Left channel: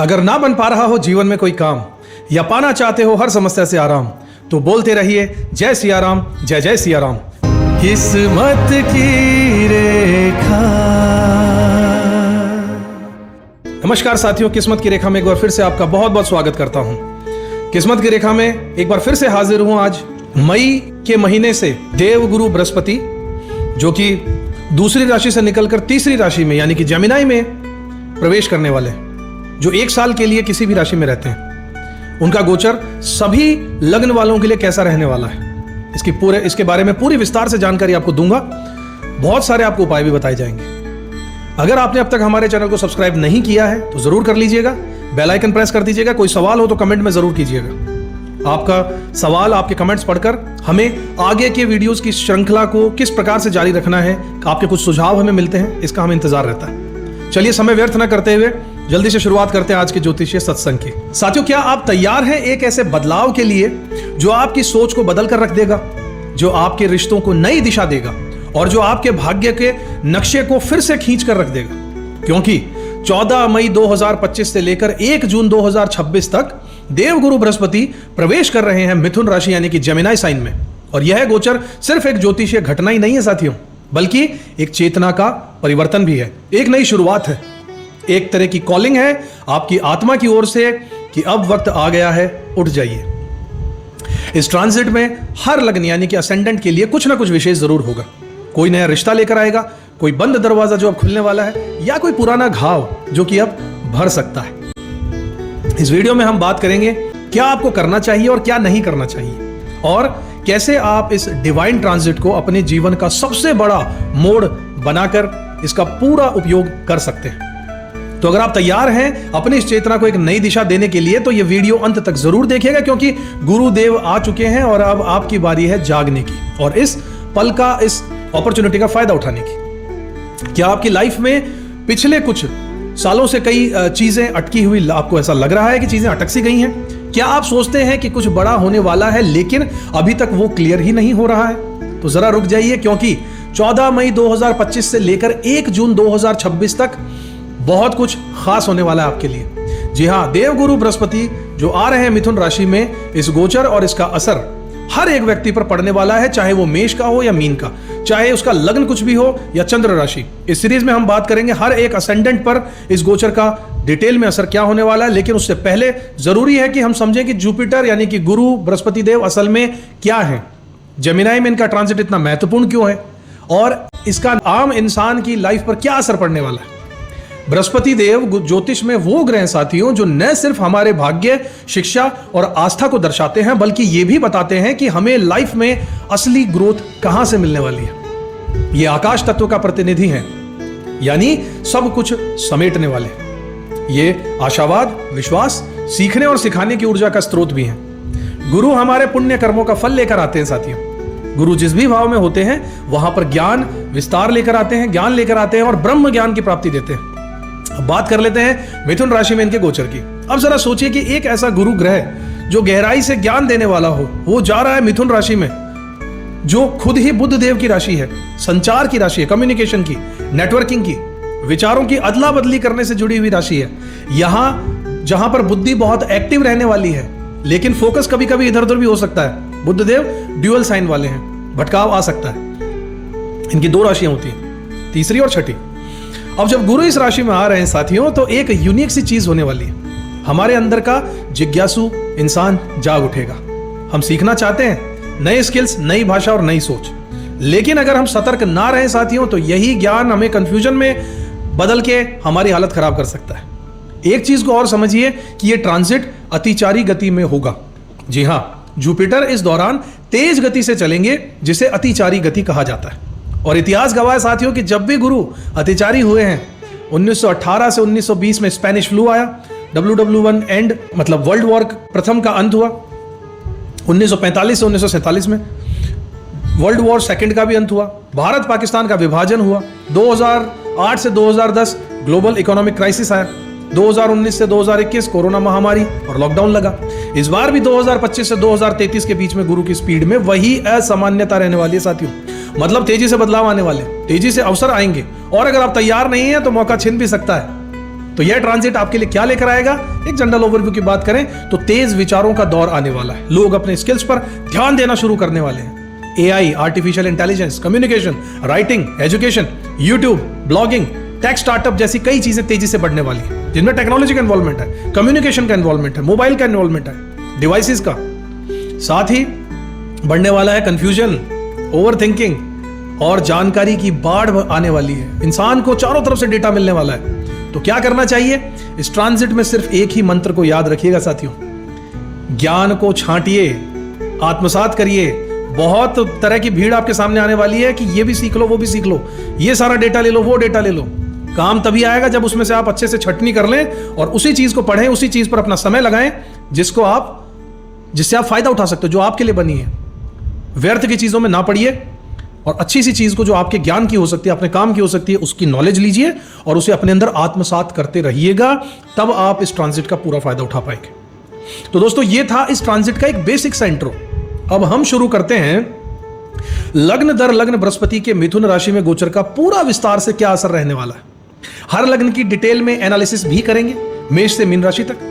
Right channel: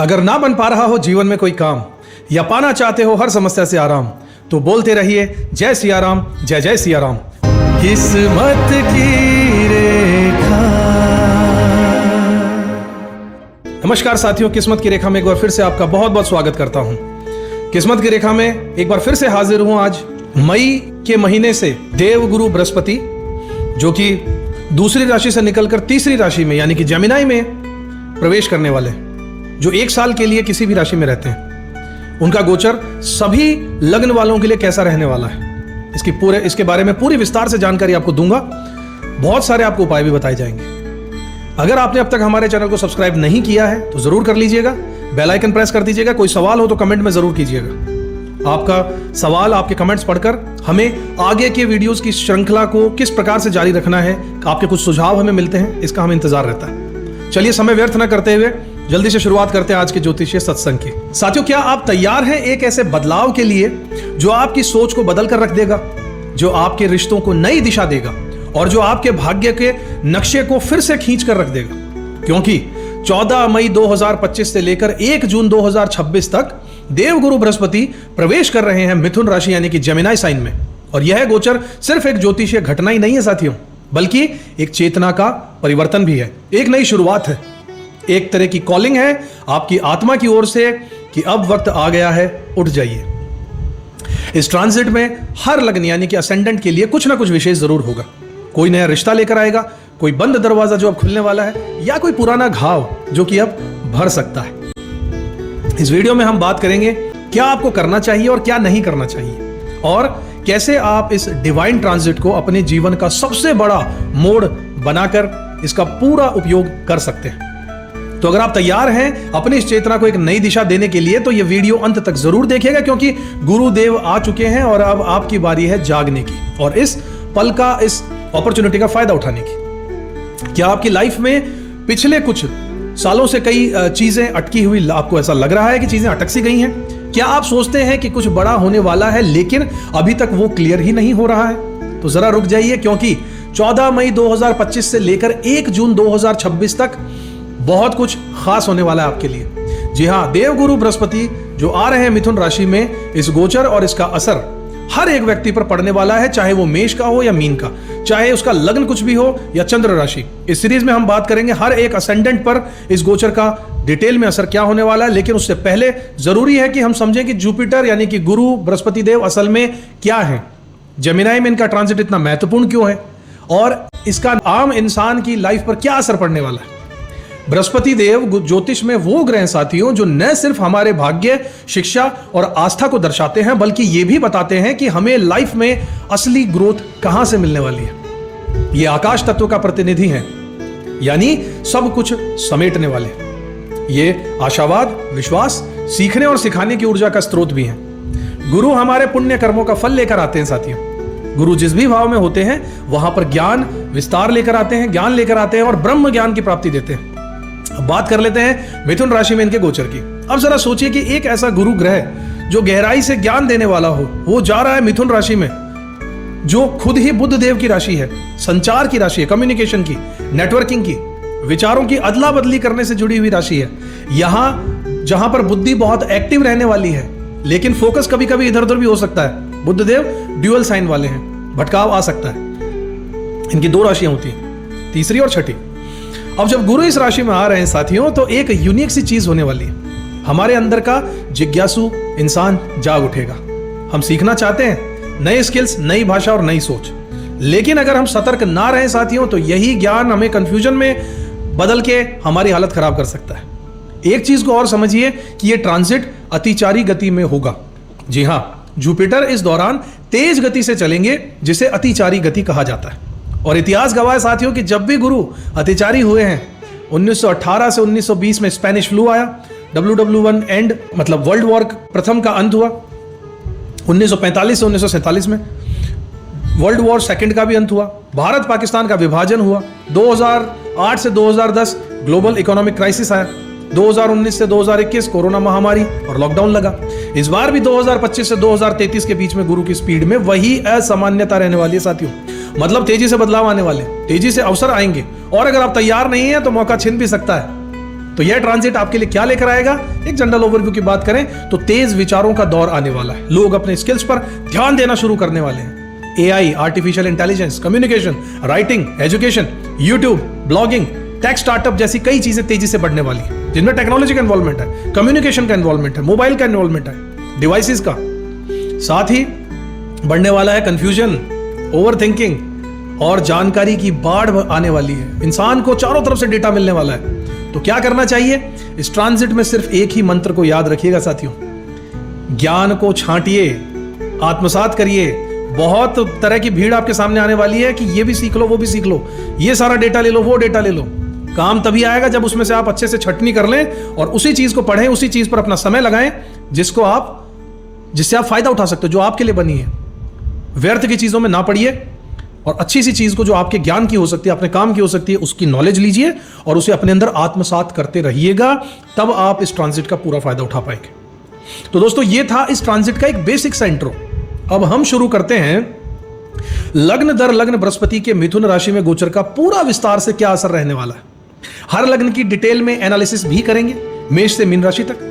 अगर ना बन पा रहा हो जीवन में कोई काम या पाना चाहते हो हर समस्या से आराम, तो बोलते रहिए जय सिया राम, जय जय सिया राम। किस्मत की रेखा। नमस्कार साथियों, किस्मत की रेखा में एक बार फिर से आपका बहुत बहुत स्वागत करता हूं। किस्मत की रेखा में एक बार फिर से हाजिर हूं। आज मई के महीने से देवगुरु बृहस्पति, जो कि दूसरी राशि से निकलकर तीसरी राशि में यानी कि जेमिनी में प्रवेश करने वाले, जो एक साल के लिए किसी भी राशि में रहते हैं, उनका गोचर सभी लग्न वालों के लिए कैसा रहने वाला है, इसके बारे में पूरी विस्तार से जानकारी आपको दूंगा। बहुत सारे आपको उपाय भी बताए जाएंगे। अगर आपने अब तक हमारे चैनल को सब्सक्राइब नहीं किया है तो जरूर कर लीजिएगा, बेल आइकन प्रेस कर दीजिएगा। कोई सवाल हो तो कमेंट में जरूर कीजिएगा। आपका सवाल, आपके कमेंट्स पढ़कर हमें आगे के वीडियोस की श्रृंखला को किस प्रकार से जारी रखना है, आपके कुछ सुझाव हमें मिलते हैं, इसका हमें इंतजार रहता है। चलिए समय व्यर्थ न करते हुए जल्दी से शुरुआत करते हैं आज के ज्योतिषीय सत्संग की। साथियों, क्या आप तैयार हैं एक ऐसे बदलाव के लिए जो आपकी सोच को बदल कर रख देगा, जो आपके रिश्तों को नई दिशा देगा और जो आपके भाग्य के नक्शे को फिर से खींच कर रख देगा? क्योंकि 14 मई 2025 से लेकर 1 जून 2026 तक देवगुरु बृहस्पति प्रवेश कर रहे हैं मिथुन राशि यानी कि जेमिनी साइन में। और यह गोचर सिर्फ एक ज्योतिषीय घटना ही नहीं है साथियों, बल्कि एक चेतना का परिवर्तन भी है, एक नई शुरुआत है, एक तरह की कॉलिंग है आपकी आत्मा की ओर से कि अब वक्त आ गया है, उठ जाइए। इस ट्रांजिट में हर लग्न यानी कि असेंडेंट के लिए कुछ ना कुछ विशेष जरूर होगा। कोई नया रिश्ता लेकर आएगा, कोई बंद दरवाजा जो अब खुलने वाला है, या कोई पुराना घाव जो कि अब भर सकता है। इस वीडियो में हम बात करेंगे क्या आपको करना चाहिए और क्या नहीं करना चाहिए, और कैसे आप इस डिवाइन ट्रांजिट को अपने जीवन का सबसे बड़ा मोड़ बनाकर इसका पूरा उपयोग कर सकते हैं। तो अगर आप तैयार हैं अपनी इस चेतना को एक नई दिशा देने के लिए, तो यह वीडियो अंत तक जरूर देखिएगा, क्योंकि गुरुदेव आ चुके हैं और अब आपकी बारी है जागने की और इस पल का, इस अपॉर्चुनिटी का फायदा उठाने की। क्या आपकी लाइफ में पिछले कुछ सालों से कई चीजें अटकी हुई, आपको ऐसा लग रहा है कि चीजें अटक सी गई हैं? क्या आप सोचते हैं कि कुछ बड़ा होने वाला है लेकिन अभी तक वो क्लियर ही नहीं हो रहा है? तो जरा रुक जाइए, क्योंकि 14 मई 2025 से लेकर 1 जून 2026 तक बहुत कुछ खास होने वाला है आपके लिए। जी हाँ, देवगुरु बृहस्पति जो आ रहे हैं मिथुन राशि में, इस गोचर और इसका असर हर एक व्यक्ति पर पड़ने वाला है, चाहे वो मेष का हो या मीन का, चाहे उसका लग्न कुछ भी हो या चंद्र राशि। इस सीरीज में हम बात करेंगे हर एक असेंडेंट पर इस गोचर का डिटेल में असर क्या होने वाला है। लेकिन उससे पहले जरूरी है कि हम समझें कि जुपिटर यानी कि गुरु बृहस्पति देव असल में क्या है, जेमिनी में इनका ट्रांजिट इतना महत्वपूर्ण क्यों है, और इसका आम इंसान की लाइफ पर क्या असर पड़ने वाला है। बृहस्पति देव ज्योतिष में वो ग्रह साथियों जो न सिर्फ हमारे भाग्य, शिक्षा और आस्था को दर्शाते हैं, बल्कि ये भी बताते हैं कि हमें लाइफ में असली ग्रोथ कहां से मिलने वाली है। ये आकाश तत्व का प्रतिनिधि है, यानी सब कुछ समेटने वाले हैं। ये आशावाद, विश्वास, सीखने और सिखाने की ऊर्जा का स्रोत भी है। गुरु हमारे पुण्य कर्मों का फल लेकर आते हैं साथियों। गुरु जिस भी भाव में होते हैं वहां पर ज्ञान विस्तार लेकर आते हैं, ज्ञान लेकर आते हैं और ब्रह्म ज्ञान की प्राप्ति देते हैं। अब बात कर लेते हैं मिथुन राशि में इनके गोचर की। अब जरा सोचिए कि एक ऐसा गुरु ग्रह जो गहराई से ज्ञान देने वाला हो, वो जा रहा है मिथुन राशि में, जो खुद ही बुध देव की राशि है, संचार की राशि, कम्युनिकेशन की, नेटवर्किंग की, विचारों की अदला बदली करने से जुड़ी हुई राशि है। यहां जहां पर बुद्धि बहुत एक्टिव रहने वाली है, लेकिन फोकस कभी कभी इधर उधर भी हो सकता है। बुध देव ड्यूअल साइन वाले हैं, भटकाव आ सकता है। इनकी 2 राशियां होती हैं, तीसरी और छठी। अब जब गुरु इस राशि में आ रहे हैं साथियों, तो एक यूनिक सी चीज होने वाली है। हमारे अंदर का जिज्ञासु इंसान जाग उठेगा। हम सीखना चाहते हैं नई स्किल्स, नई भाषा और नई सोच, लेकिन अगर हम सतर्क ना रहे साथियों, तो यही ज्ञान हमें कंफ्यूजन में बदल के हमारी हालत खराब कर सकता है। एक चीज को और समझिए कि ये ट्रांजिट अतिचारी गति में होगा। जी हाँ, जुपिटर इस दौरान तेज गति से चलेंगे, जिसे अतिचारी गति कहा जाता है। और इतिहास गवाह साथियों कि जब भी गुरु अतिचारी हुए हैं, 1918 से 1920 में स्पेनिश फ्लू आया, WW1 एंड मतलब वर्ल्ड वॉर प्रथम का अंत हुआ, 1945 से 1947 में वर्ल्ड वॉर सेकंड का भी अंत हुआ, भारत पाकिस्तान का विभाजन हुआ, 2008 से 2010 ग्लोबल इकोनॉमिक क्राइसिस आया, 2019 से 2021 कोरोना महामारी और लॉकडाउन लगा। इस बार भी 2025 से 2033 के बीच में गुरु की स्पीड में वही असामान्यता रहने वाली है साथियों। मतलब तेजी से बदलाव आने वाले, तेजी से अवसर आएंगे, और अगर आप तैयार नहीं हैं तो मौका छिन भी सकता है। तो यह ट्रांजिट आपके लिए क्या लेकर आएगा? एक जनरल ओवरव्यू की बात करें तो तेज विचारों का दौर आने वाला है। लोग अपने स्किल्स पर ध्यान देना शुरू करने वाले हैं। AI, artificial intelligence, communication, writing, education, YouTube, blogging, tech startup जैसी कई चीजें तेजी से बढ़ने वाली है, जिनमें टेक्नोलॉजी का इन्वॉल्वमेंट है, कम्युनिकेशन का इन्वॉल्वमेंट है, मोबाइल का इन्वॉल्वमेंट है, डिवाइसेस का। साथ ही बढ़ने वाला है कंफ्यूजन, ओवरथिंकिंग और जानकारी की बाढ़ आने वाली है। इंसान को चारों तरफ से डेटा मिलने वाला है। तो क्या करना चाहिए? इस ट्रांजिट में सिर्फ एक ही मंत्र को याद रखिएगा साथियों, ज्ञान को छांटिए, आत्मसात करिए। बहुत तरह की भीड़ आपके सामने आने वाली है कि ये भी सीख लो, वो भी सीख लो, ये सारा डेटा ले लो, वो डेटा ले लो। काम तभी आएगा जब उसमें से आप अच्छे से छटनी कर लें और उसी चीज को पढ़ें, उसी चीज पर अपना समय लगाएं जिससे आप फायदा उठा सकते हो, जो आपके लिए बनी है। व्यर्थ की चीजों में ना पड़िए और अच्छी सी चीज को जो आपके ज्ञान की हो सकती है, अपने काम की हो सकती है, उसकी नॉलेज लीजिए और उसे अपने अंदर आत्मसात करते रहिएगा। तब आप इस ट्रांजिट का पूरा फायदा उठा पाएंगे। तो दोस्तों, ये था इस ट्रांजिट का एक बेसिक सा इंट्रो। अब हम शुरू करते हैं लग्न दर लग्न बृहस्पति के मिथुन राशि में गोचर का पूरा विस्तार से क्या असर रहने वाला है। हर लग्न की डिटेल में एनालिसिस भी करेंगे, मेष से मीन राशि तक।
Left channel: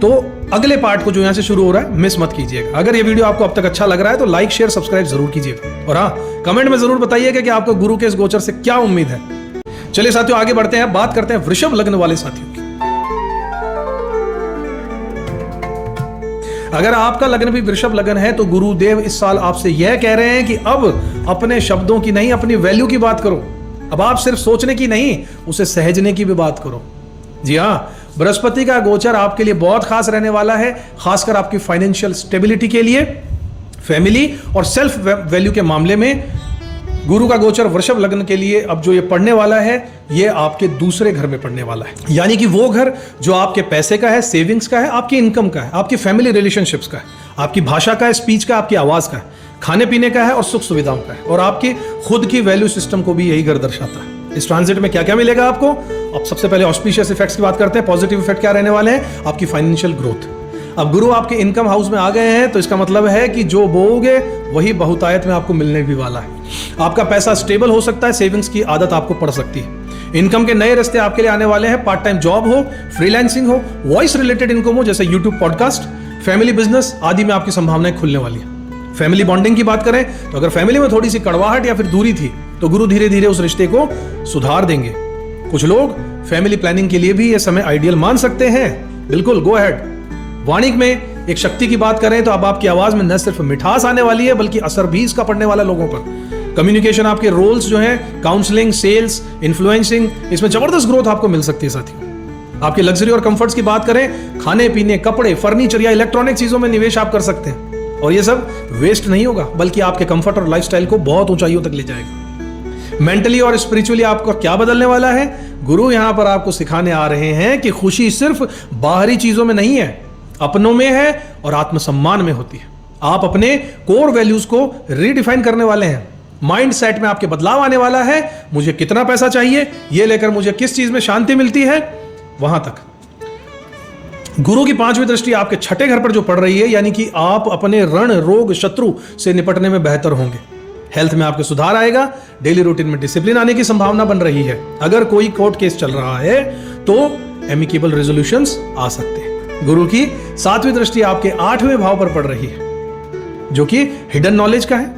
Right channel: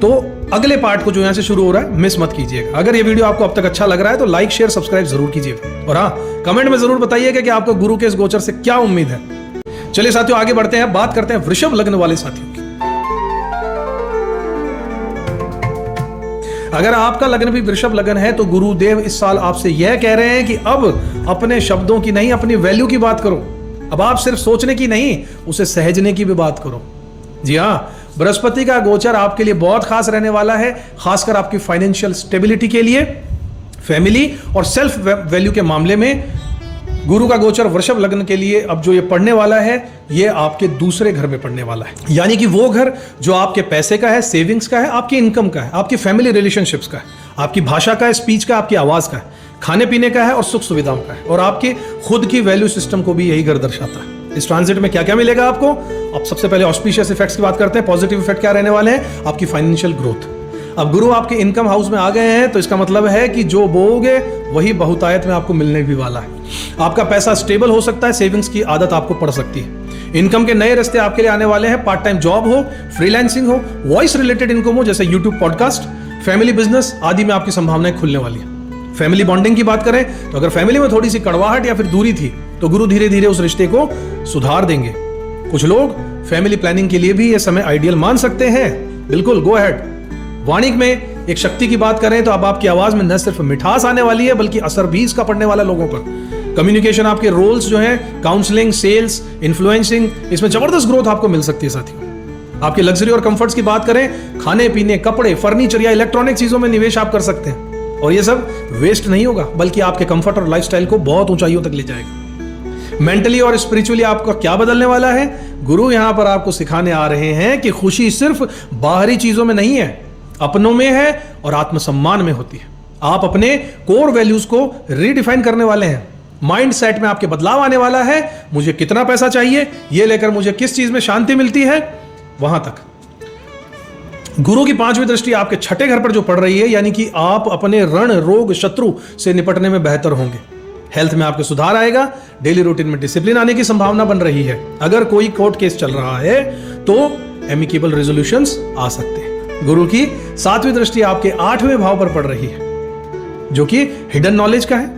तो अगले पार्ट को जो यहां से शुरू हो रहा है, मिस मत कीजिएगा। अगर ये वीडियो आपको अब तक अच्छा लग रहा है तो लाइक, शेयर, सब्सक्राइब जरूर कीजिएगा और हाँ, कमेंट में जरूर बताइएगा कि आपके गुरु के इस गोचर से क्या उम्मीद है। चलिए साथियों, आगे बढ़ते हैं, बात करते हैं वृषभ लग्न वाले साथियों की। अगर आपका लग्न भी वृषभ लग्न है तो गुरुदेव इस साल आपसे यह कह रहे हैं कि अब अपने शब्दों की नहीं, अपनी वैल्यू की बात करो। अब आप सिर्फ सोचने की नहीं, उसे सहजने की भी बात करो। जी हाँ, बृहस्पति का गोचर आपके लिए बहुत खास रहने वाला है, खासकर आपकी फाइनेंशियल स्टेबिलिटी के लिए, फैमिली और सेल्फ वैल्यू के मामले में। गुरु का गोचर वृषभ लग्न के लिए अब जो ये पढ़ने वाला है, ये आपके दूसरे घर में पढ़ने वाला है। यानी कि वो घर जो आपके पैसे का है, सेविंग्स का है, आपके इनकम का है, आपके फैमिली रिलेशनशिप्स का है, आपकी भाषा का है, स्पीच का, आपकी आवाज का है, खाने पीने का है और सुख सुविधाओं का है, और आपकी खुद की वैल्यू सिस्टम को भी यही घर दर्शाता है। इस ट्रांजिट में क्या क्या मिलेगा आपको? अब सबसे पहले ऑस्पिशियस इफेक्ट्स की बात करते हैं। पॉजिटिव इफेक्ट क्या रहने वाले हैं? आपकी फाइनेंशियल ग्रोथ। अब गुरु आपके इनकम हाउस में आ गए हैं तो इसका मतलब है कि जो बोओगे वही बहुतायत में आपको मिलने भी वाला है। आपका पैसा स्टेबल हो सकता है, सेविंग्स की आदत आपको पड़ सकती है। इनकम के नए रास्ते आपके लिए आने वाले हैं। पार्ट टाइम जॉब हो, फ्रीलांसिंग हो, वॉइस रिलेटेड इनकम हो जैसे यूट्यूब, पॉडकास्ट, फैमिली बिजनेस आदि में आपकी संभावनाएं खुलने वाली है। फैमिली बॉन्डिंग की बात करें तो अगर फैमिली में थोड़ी सी कड़वाहट या फिर दूरी थी तो गुरु धीरे धीरे उस रिश्ते को सुधार देंगे। कुछ लोग फैमिली प्लानिंग के लिए भी ये समय आइडियल मान सकते हैं। बिल्कुल, गो अहेड। वाणिज्य में एक शक्ति की बात करें तो अब आपकी आवाज में न सिर्फ मिठास आने वाली है बल्कि असर भी इसका पड़ने वाला लोगों पर। कम्युनिकेशन, आपके रोल्स जो है, काउंसलिंग, सेल्स, इन्फ्लुएंसिंग, इसमें जबरदस्त ग्रोथ आपको मिल सकती है साथियों। आपके लग्जरी और कंफर्ट्स की बात करें, खाने पीने, कपड़े, फर्नीचर या इलेक्ट्रॉनिक चीजों में निवेश आप कर सकते हैं और ये सब वेस्ट नहीं होगा बल्कि आपके कंफर्ट और लाइफस्टाइल को बहुत ऊंचाइयों तक ले जाएगा। मेंटली और स्पिरिचुअली आपका क्या बदलने वाला है? गुरु यहां पर आपको सिखाने आ रहे हैं कि खुशी सिर्फ बाहरी चीजों में नहीं है, अपनों में है और आत्मसम्मान में होती है। आप अपने कोर वैल्यूज को रीडिफाइन करने वाले हैं। माइंड सेट में आपके बदलाव आने वाला है। मुझे कितना पैसा चाहिए, ये लेकर मुझे किस चीज में शांति मिलती है, वहां तक। गुरु की 5वीं दृष्टि आपके छठे घर पर जो पड़ रही है, यानी कि आप अपने रण, रोग, शत्रु से निपटने में बेहतर होंगे। हेल्थ में आपके सुधार आएगा। डेली रूटीन में डिसिप्लिन आने की संभावना बन रही है। अगर कोई कोर्ट केस चल रहा है तो एमिकेबल रेजोल्यूशंस आ सकते हैं। गुरु की 7वीं दृष्टि आपके 8वें भाव पर पड़ रही है, जो कि हिडन नॉलेज का है,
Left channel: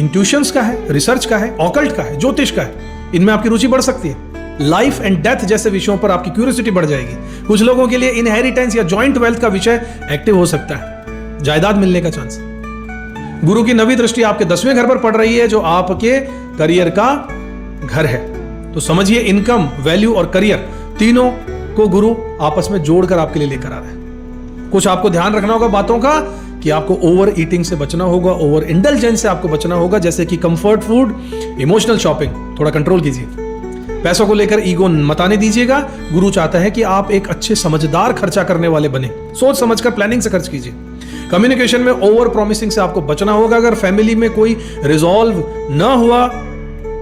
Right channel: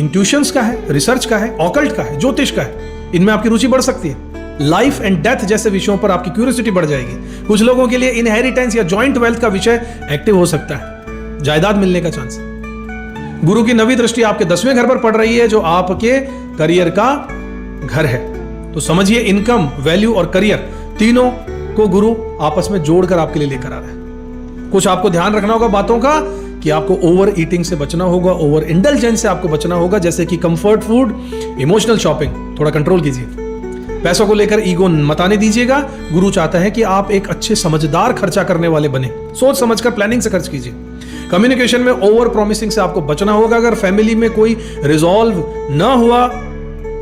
इंट्यूशंस का है, रिसर्च का है, ऑकल्ट का है, ज्योतिष का है। इनमें आपकी रुचि बढ़ सकती है। लाइफ एंड डेथ जैसे विषयों पर आपकी क्यूरियोसिटी बढ़ जाएगी। कुछ लोगों के लिए इनहेरिटेंस या जॉइंट वेल्थ का विषय एक्टिव हो सकता है, जायदाद मिलने का चांस। गुरु की 9वीं दृष्टि आपके 10वें घर पर पड़ रही है, जो आपके करियर का घर है। तो समझिए, इनकम, वैल्यू और करियर तीनों को गुरु आपस में जोड़कर आपके लिए लेकर आ रहा है। कुछ आपको ध्यान रखना होगा बातों का कि आपको ओवर ईटिंग से बचना होगा, ओवर इंडल्जेंस से आपको बचना होगा, जैसे कि कंफर्ट फूड, इमोशनल शॉपिंग, थोड़ा कंट्रोल कीजिए। पैसों को लेकर ईगो मत आने दीजिएगा। गुरु चाहता है कि आप एक अच्छे समझदार खर्चा करने वाले बने। सोच समझकर प्लानिंग से खर्च कीजिए। कम्युनिकेशन में ओवर प्रॉमिसिंग से आपको बचना होगा। अगर फैमिली में कोई रिजॉल्व ना हुआ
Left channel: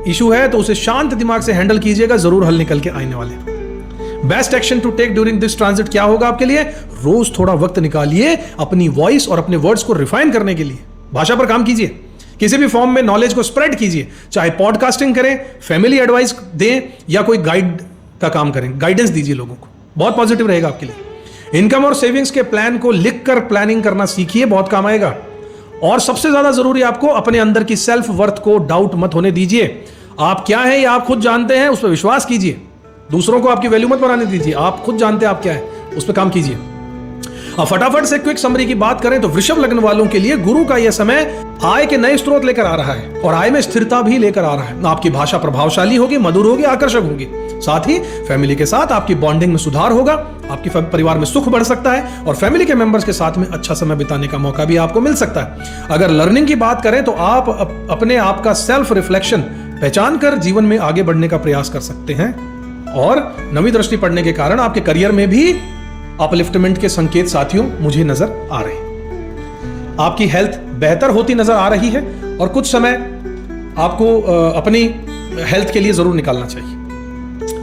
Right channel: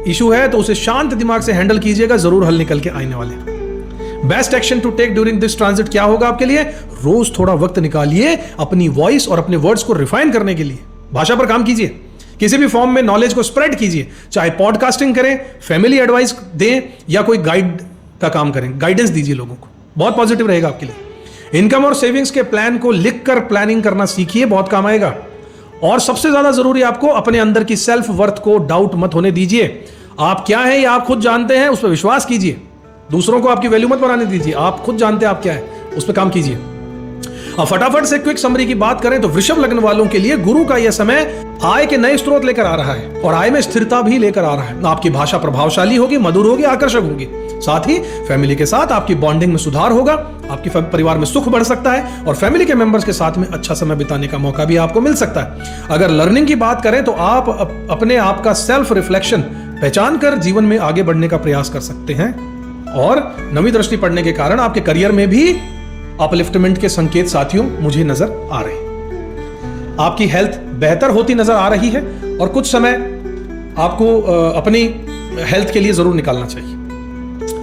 इशू है तो उसे शांत दिमाग से हैंडल कीजिएगा, जरूर हल निकल के आने वाले। Best action to take during this transit क्या होगा आपके लिए? रोज थोड़ा वक्त निकालिए अपनी वॉइस और अपने वर्ड्स को रिफाइन करने के लिए। भाषा पर काम कीजिए, किसी भी फॉर्म में नॉलेज को स्प्रेड कीजिए, चाहे पॉडकास्टिंग करें, फैमिली एडवाइस दें या कोई गाइड का काम करें, गाइडेंस दीजिए लोगों को। बहुत पॉजिटिव रहेगा आपके लिए। इनकम और सेविंग्स के प्लान को लिखकर प्लानिंग करना सीखिए, बहुत काम आएगा। और सबसे ज्यादा जरूरी आपको अपने अंदर की सेल्फ वर्थ को डाउट मत होने दीजिए। आप क्या है ये आप खुद जानते हैं, उस पर विश्वास कीजिए। दूसरों को आपकी वैल्यू मत बनाने दीजिए, आप खुद जानते हैं आप क्या है, उस पर काम कीजिए। अब फटाफट से क्विक समरी की बात करें तो वृषभ लग्न वालों के लिए गुरु का यह समय आय के नए स्रोत लेकर आ रहा है और आय में स्थिरता भी लेकर आ रहा है। आपकी भाषा प्रभावशाली होगी, मधुर होगी, आकर्षक होगी। साथ ही फैमिली के साथ आपकी बॉन्डिंग में सुधार होगा, आपके परिवार में सुख बढ़ सकता है और फैमिली के मेंबर्स के साथ में अच्छा समय बिताने का मौका भी आपको मिल सकता है। अगर लर्निंग की बात करें तो आप अपने आप का सेल्फ रिफ्लेक्शन पहचान कर जीवन में आगे बढ़ने का प्रयास कर सकते हैं और नवी दृष्टि पड़ने के कारण आपके करियर में भी अपलिफ्टमेंट के संकेत साथियों मुझे नजर आ रहे हैं। आपकी हेल्थ बेहतर होती नजर आ रही है और कुछ समय आपको अपनी हेल्थ के लिए जरूर निकालना चाहिए।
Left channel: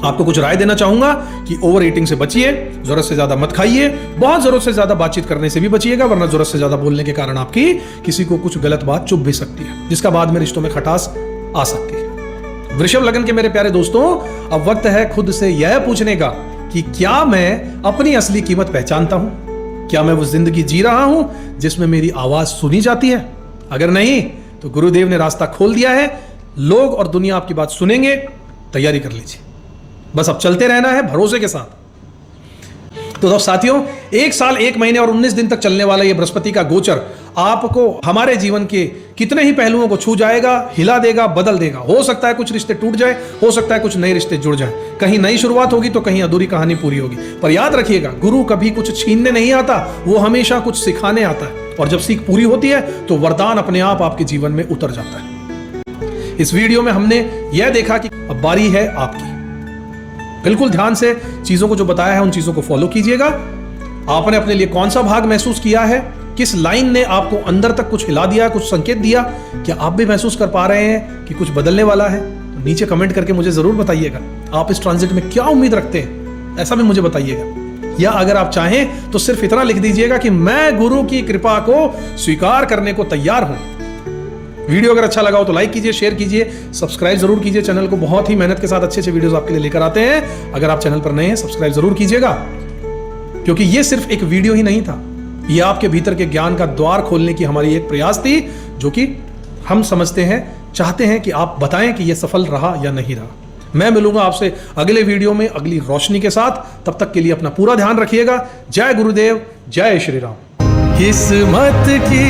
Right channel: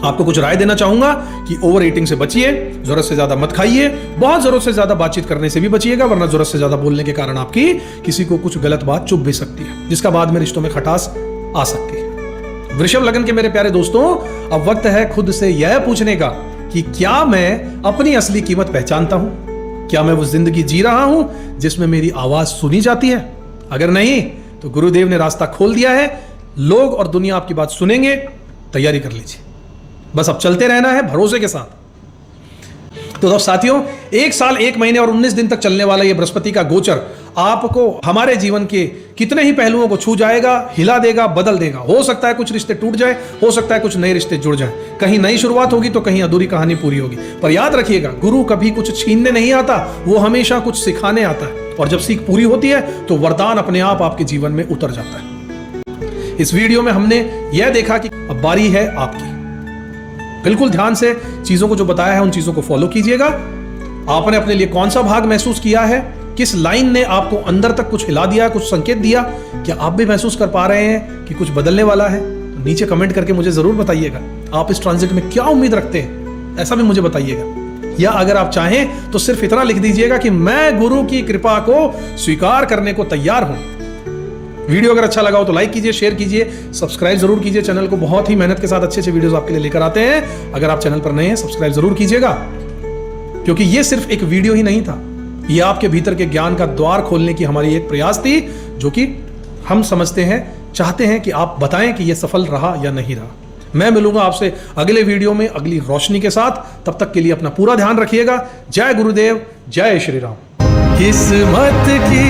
आपको कुछ राय देना चाहूंगा कि ओवर ईटिंग से बचिए, जरूरत से ज्यादा मत खाइए, बहुत जरूरत से ज्यादा बातचीत करने से भी बचिएगा, वरना जरूरत से ज्यादा बोलने के कारण आपकी किसी को कुछ गलत बात चुभ भी सकती है, जिसका बाद में रिश्तों में खटास आ सकती है। वृषभ लगन के मेरे प्यारे दोस्तों, अब वक्त है खुद से यह पूछने का कि क्या मैं अपनी असली कीमत पहचानता हूं? क्या मैं वो जिंदगी जी रहा हूं जिसमें मेरी आवाज सुनी जाती है? अगर नहीं तो गुरुदेव ने रास्ता खोल दिया है, लोग और दुनिया आपकी बात सुनेंगे, तैयारी कर लीजिए। बस अब चलते रहना है भरोसे के साथ। तो साथियों, 1 साल 1 महीने और 19 दिन तक चलने वाला यह बृहस्पति का गोचर आपको हमारे जीवन के कितने ही पहलुओं को छू जाएगा, हिला देगा, बदल देगा। हो सकता है कुछ रिश्ते टूट जाए, हो सकता है कुछ नए रिश्ते जुड़ जाए, कहीं नई शुरुआत होगी तो कहीं अधूरी कहानी पूरी होगी। पर याद रखिएगा, गुरु कभी कुछ छीनने नहीं आता, वो हमेशा कुछ सिखाने आता है और जब सीख पूरी होती है तो वरदान अपने आप आपके जीवन में उतर जाता है। इस वीडियो में हमने यह देखा कि अब बारी है आपकी। बिल्कुल ध्यान से चीजों को जो बताया है उन चीजों को फॉलो कीजिएगा। आपने अपने लिए कौन सा भाग महसूस किया है, किस लाइन ने आपको अंदर तक कुछ हिला दिया, कुछ संकेत दिया, क्या आप भी महसूस कर पा रहे हैं कि कुछ बदलने वाला है? तो नीचे कमेंट करके मुझे जरूर बताइएगा आप इस ट्रांजिट में क्या उम्मीद रखते हैं, ऐसा भी मुझे बताइएगा। या अगर आप चाहें तो सिर्फ इतना लिख दीजिएगा कि मैं गुरु की कृपा को स्वीकार करने को तैयार हूं। वीडियो अगर अच्छा लगा हो तो लाइक कीजिए, शेयर कीजिए, सब्सक्राइब जरूर कीजिए चैनल को। बहुत ही मेहनत के साथ अच्छे अच्छे वीडियोस आपके लिए लेकर आते हैं। अगर आप चैनल पर नए हैं सब्सक्राइब जरूर कीजिएगा, क्योंकि ये सिर्फ एक वीडियो ही नहीं था, ये आपके भीतर के ज्ञान का द्वार खोलने की हमारी एक प्रयास थी, जो कि हम समझते हैं, चाहते हैं कि आप बताएं कि यह सफल रहा या नहीं रहा। मैं मिलूंगा आपसे अगले वीडियो में अगली रोशनी के साथ। तब तक के लिए अपना पूरा ध्यान रखिएगा। जय गुरुदेव, जय श्री राम। किस्मत की